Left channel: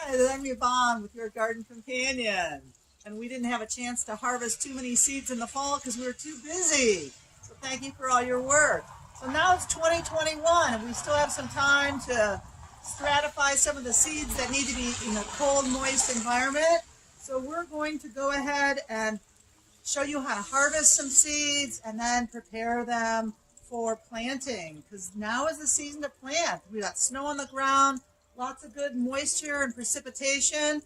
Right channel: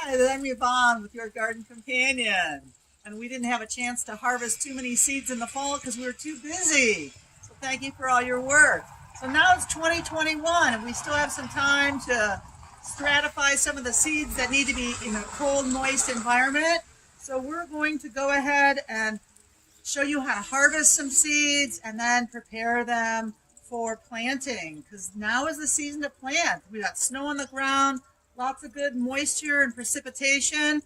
Hi, I'm Yvonne with your Garden Companion. And we didn't have a chance to harvest too many seeds in the fall because we were too busy. So thank you for all your work. So now it's 2021 and we still have some time to stratify some of the seeds that need to be in a cold, moist environment. So we're going to go ahead and show you how to harvest some seeds and then prepare them for planting, because now is the season to plant. We got snow on the ground, lots of good moisture and precipitation,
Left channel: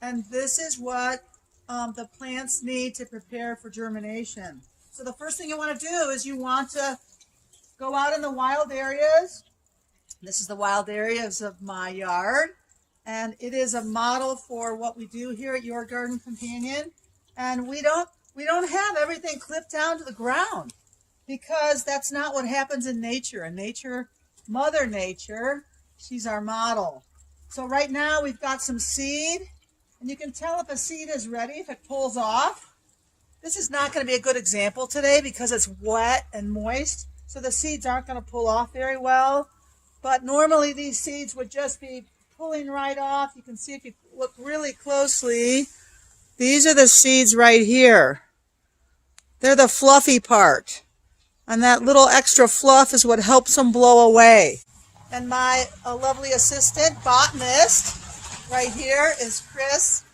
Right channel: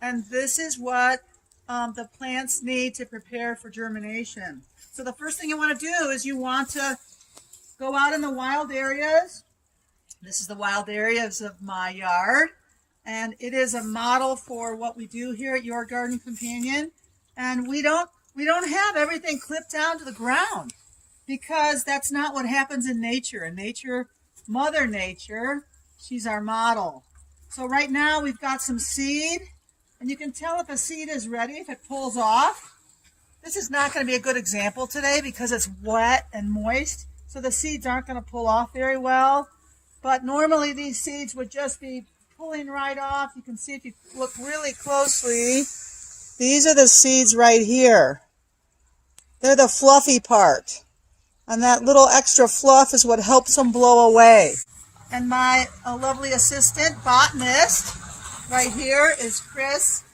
and this is what the plants need to prepare for germination. So the first thing you want to do is you want to go out in the wild areas. This is the wild areas of my yard, and it is a model for what we do here at Your Garden Companion. And we don't have everything clipped down to the ground, because that's not what happens in nature. In nature, Mother Nature, she's our model. So right now we've got some seed, and you can tell if a seed is ready if it pulls off. This is not going to be a good example today because it's wet and moist, so the seeds aren't going to pull off very well. But normally these seeds would just be pulling right off. You can see if you look really closely, these are the seeds right here. They're the fluffy part. And that little extra fluff is what helps them blow away. And my lovely assistant, botanist, right here is Chris.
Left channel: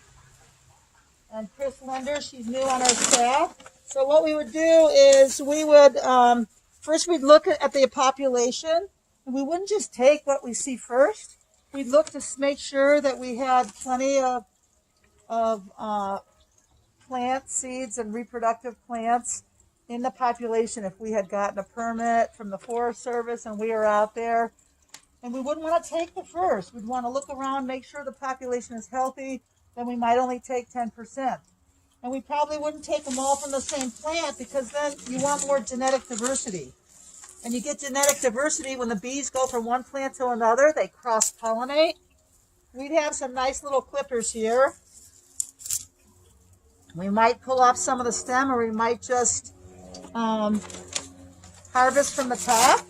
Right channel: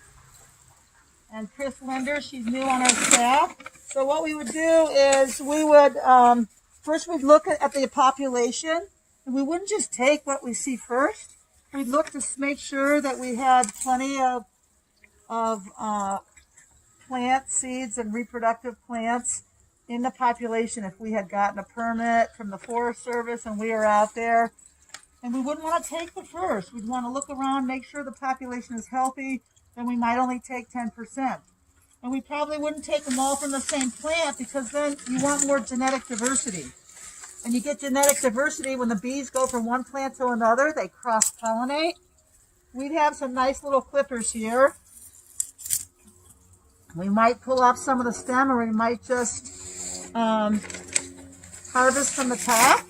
And Chris Linder, she's new on our staff. So what we would do is we would, first we'd look at the population. And we wouldn't just take what we see first. We'd look to make sure that we had plenty of plant seeds and reproductive plants in the population if we had gotten a permit from the Forest Service and we were out there. And we wouldn't want to take the first. We'd want to look around, make sure the population is healthy, then we might only take 10%. And we probably wouldn't take them all from the same plant because then you want more genetic diversity. And you get genetic diversity when the bees go from one plant to another, they cross-pollinate. We'd have some nice little clippers here. We might pull off some of the stem, or we might just harvest from the top.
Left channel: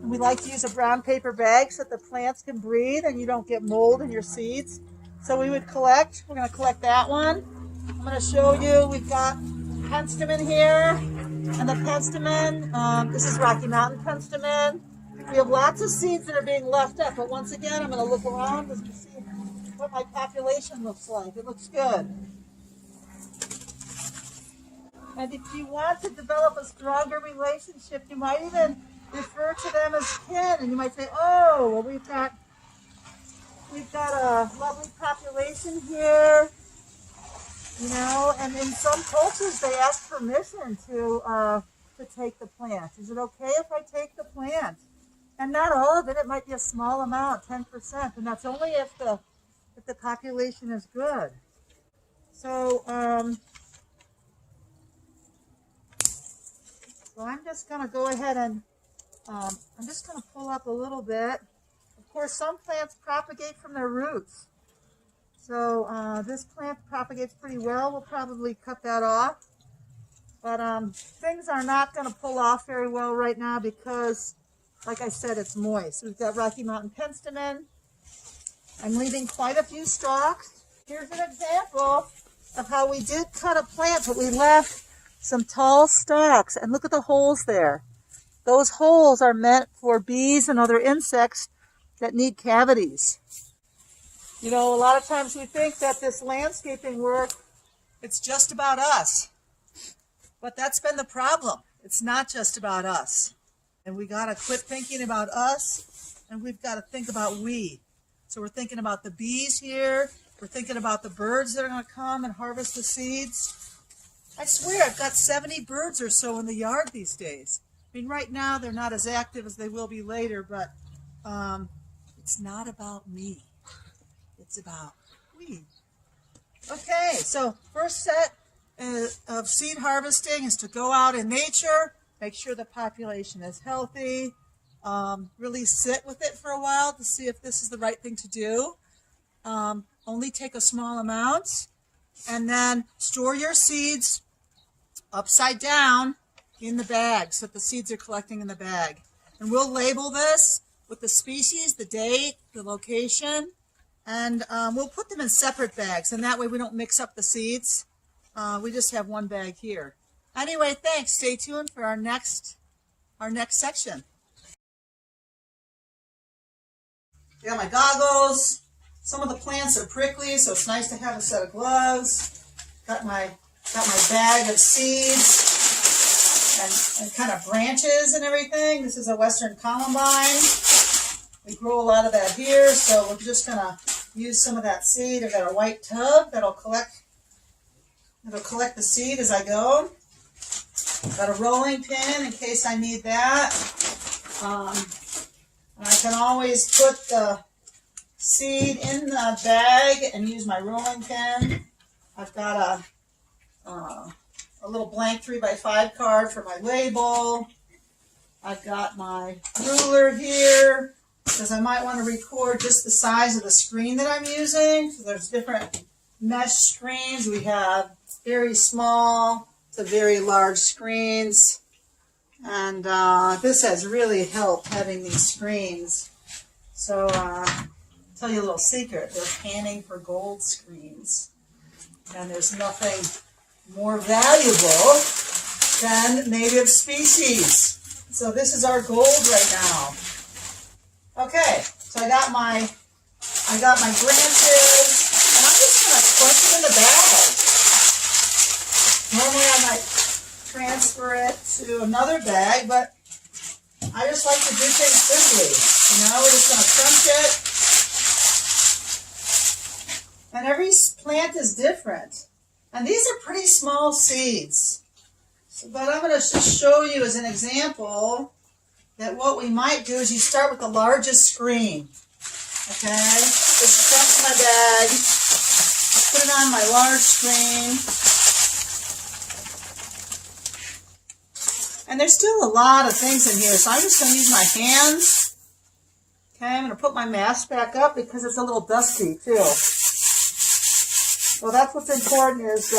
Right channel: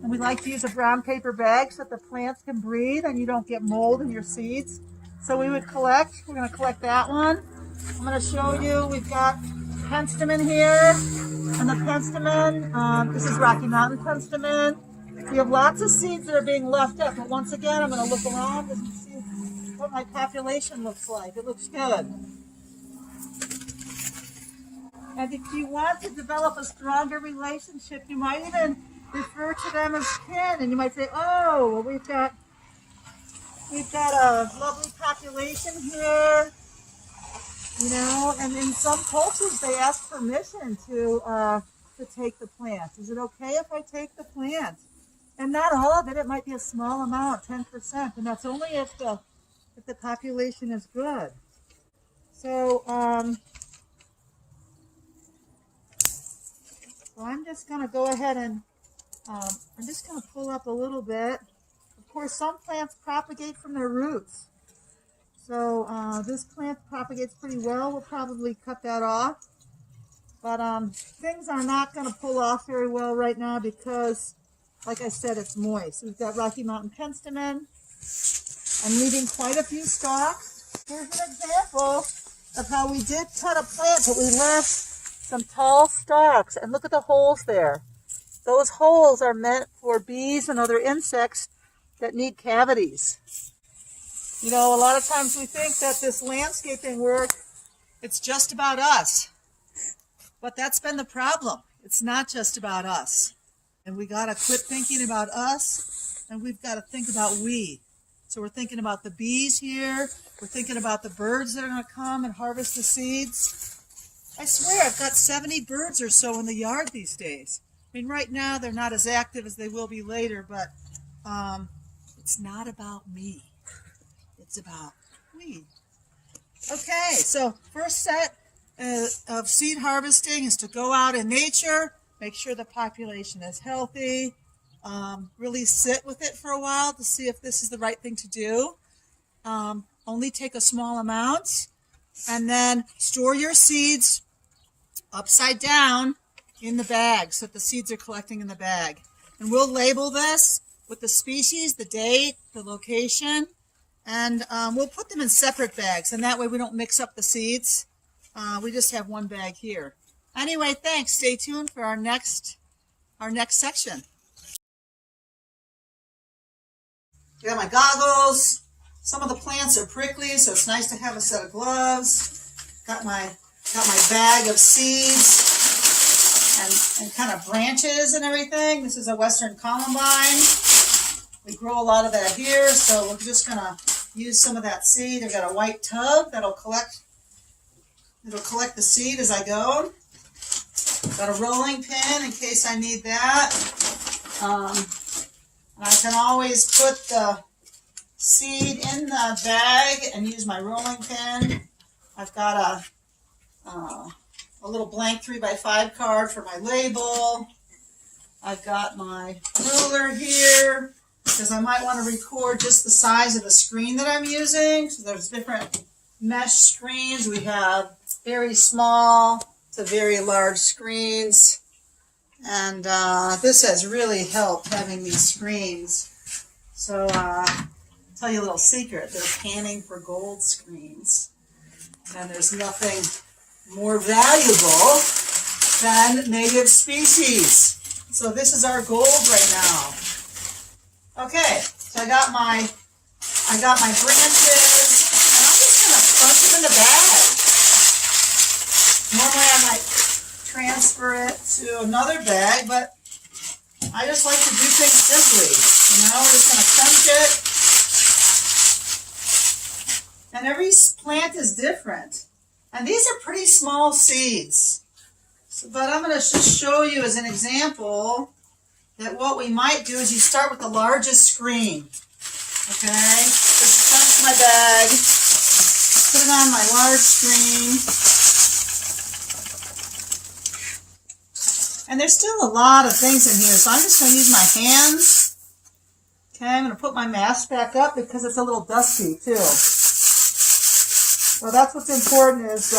And we like to use a brown paper bag so that the plants can breathe and you don't get mold in your seeds. So we would collect. We're going to collect that one. I'm going to show you, we've got penstemon here. And the penstemon, this is Rocky Mountain penstemon. We have lots of seeds that are being left up. But once again, I'm going to look around and see what my population looks like. It looks good. And if you want to develop a stronger relationship, you might even refer to them as kin. And you might say, oh, well, we've got a lovely population here, you know. And in some cultures, they ask permission to take the plant. Is it okay if I take the plant? And not all of it. It might be a small amount, 10%, and that's only if the population is good. So, so I'm just going to go ahead and I'm just going to pull up a little bit. Of course, some plants propagate from their roots. So this plant propagates pretty well. We'll probably cut that off. But things are not going to pull off very well right now because, like I said, it's moist. We've got Rocky Mountain penstemon. I'm leaving quite a few stalks. Here's an example of how we did cut a plant, but we left some tall stalks, and look at the holes there. Those holes are meant for bees and other insects that need cavities. You know, a lot of times we think that this landscaping work, it's just about us. But that's been the problem. It's not just about us. And we got to quit thinking about us, and we've got to think about we. So we're thinking about the bees here. We're thinking about the birds that are going to come and harvest the seeds. I swear I've got 70 birds or so in the yard these days. I mean, right now they're not as active as they will be later, but it's not about me. It's about we. Okay, so first set of seed harvesting is to go out in nature, make sure the population is healthy, really sit with it for a while to see if this is the right thing to do. Only take a small amount, and then store your seeds upside down in the bag so that the seeds are collecting in the bag. And we'll label this with the species, the date, the location, And we'll put them in separate bags, and that way we don't mix up the seeds. We just have one bag here. Anyway, thanks. Stay tuned for our next section. I got my goggles. Some of the plants are prickly, so it's nice to have a set of gloves. Got my bag of seeds and kind of branches and everything. This is a Western Columbine. We grow a lot of that here, so we're just gonna use some of that seed. I've got a white tub that'll collect the seed as I go. Got a rolling pin in case I need that. And I can always put the seed in the bag and use my rolling pin. I've got a little blank 3x5 card for my label. I've got my ruler here because I might want to record just the size of the screen that I'm using. So there's different mesh screens. We have very small to very large screens. And this has really helped having these screens. So I'll tell you a little secret. They're panning for gold screens. And there's nothing more valuable than native species. So this is our gold right now. Okay, so I got my branches, and I'm just gonna crunch them in the bag. Normally I might transfer it to another bag, but I just like to do things simply. You know, we're just gonna crunch it. And every plant is different. And these are pretty small seeds. But I'm gonna just show you as an example that what we might do is you start with the largest screen. Okay, just crunch my bag, put it on my large screen. And there's still a lot of things in here, so I'm just going to use my hands. Okay, I'm going to put my mask back up because it's a little dusty too. So that's what's important is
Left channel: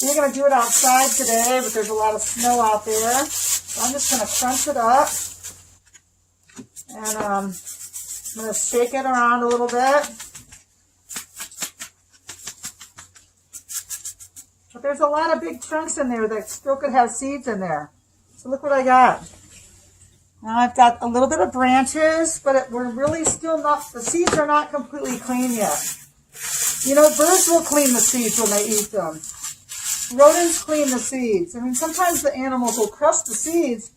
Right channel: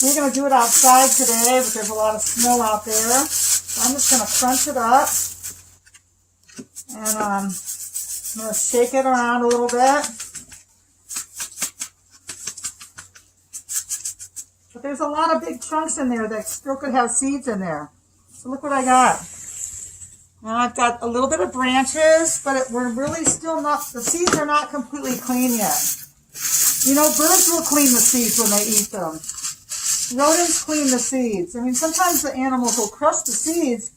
we're going to do it outside today, but there's a lot of snow out there. So I'm just going to crunch it up. And I'm going to shake it around a little bit. But there's a lot of big chunks in there that still could have seeds in there. So look what I got. Well, I've got a little bit of branches, but we're really still not, the seeds are not completely clean yet. You know, birds will clean the seeds when they eat them. Rodents clean the seeds. I mean, sometimes the animals will crush the seeds,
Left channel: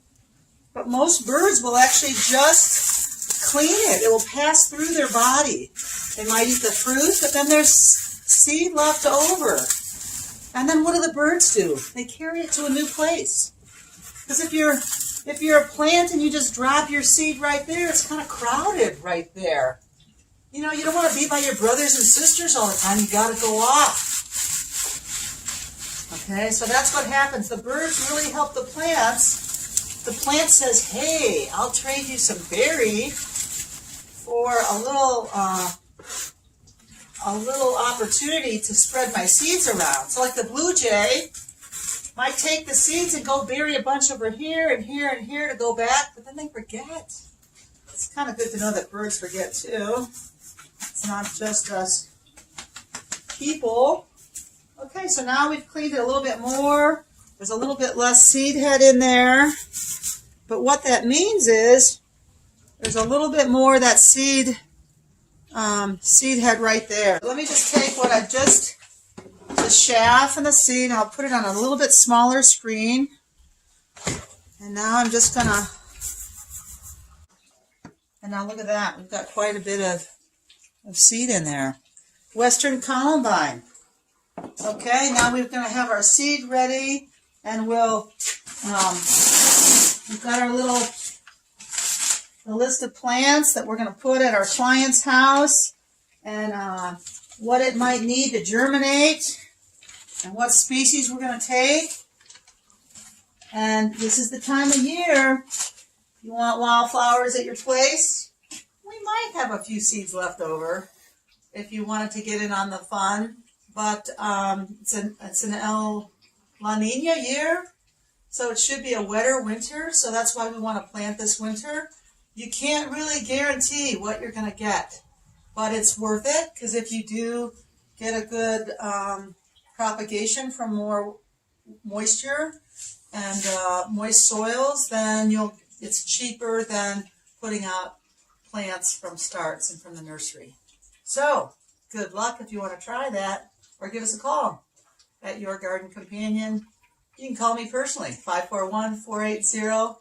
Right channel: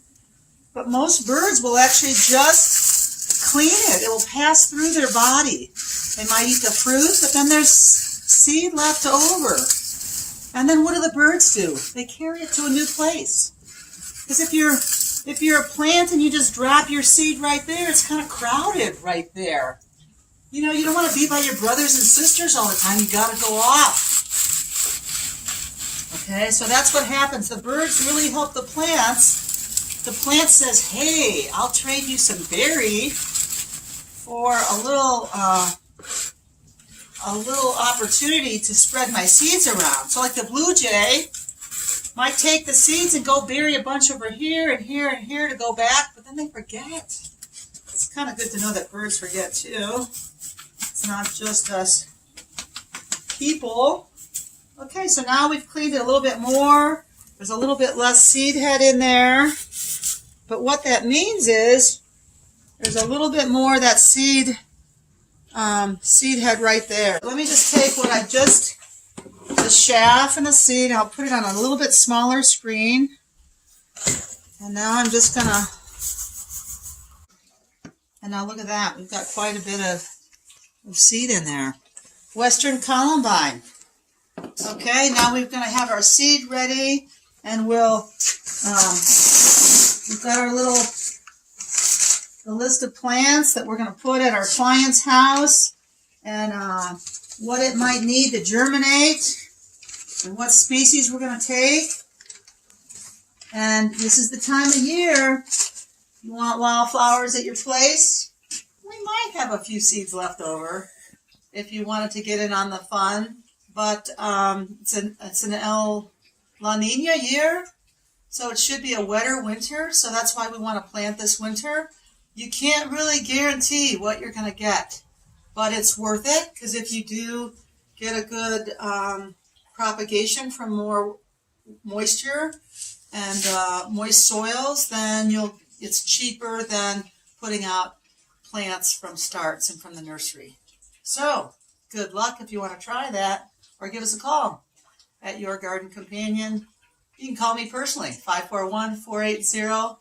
but most birds will actually just clean it. It will pass through their body. They might eat the fruit, but then there's seed left over. And then what do the birds do? They carry it to a new place. Because if you're a plant and you just drop your seed right there, it's kind of crowded right there. You know, you don't want to be by your brothers and sisters all the time. You got to go off. Okay, so that's what happens. The birds really help the plants. The plant says, hey, I'll trade you some berry for a little opportunity to spread my seeds around. So like the blue jay might take the seeds and go bury a bunch over here and here and here to go back, but then they forget. It's kind of good to know that birds forget too. It's not just us people. Okay, so now we've cleaned it a little bit more. There's a little bit less seed head in there. But what that means is there's a little bit more of that seed head right there. Let me just take what I just, the chaff and the seed, I'll put it on a little bit smaller screen. And now I'm just gonna, and now look at that. We've got quite a bit of seed in there. Western Columbine. Okay, now we're going to have our seed ready, and we'll, we've got our little list of plants that we're going to put at our client's house, and what it might need to germinate, and what species we're going to take. And this is the time of year, you want wildflowers at your place, we might have a few seeds left over if you wanted to get in on the fun. But it's an El La Nina year, so it should be a wetter winter, so that's why we want to plant this winter. You can't really guarantee what you're going to get. but it's worth it because if you do get a good propagation from more moisture and moist soils, then it's cheaper than putting out plants from starts and from the nursery. So good luck if you want to try that, or give us a call at Your Garden Companion. You can call me personally, 541-480-6997.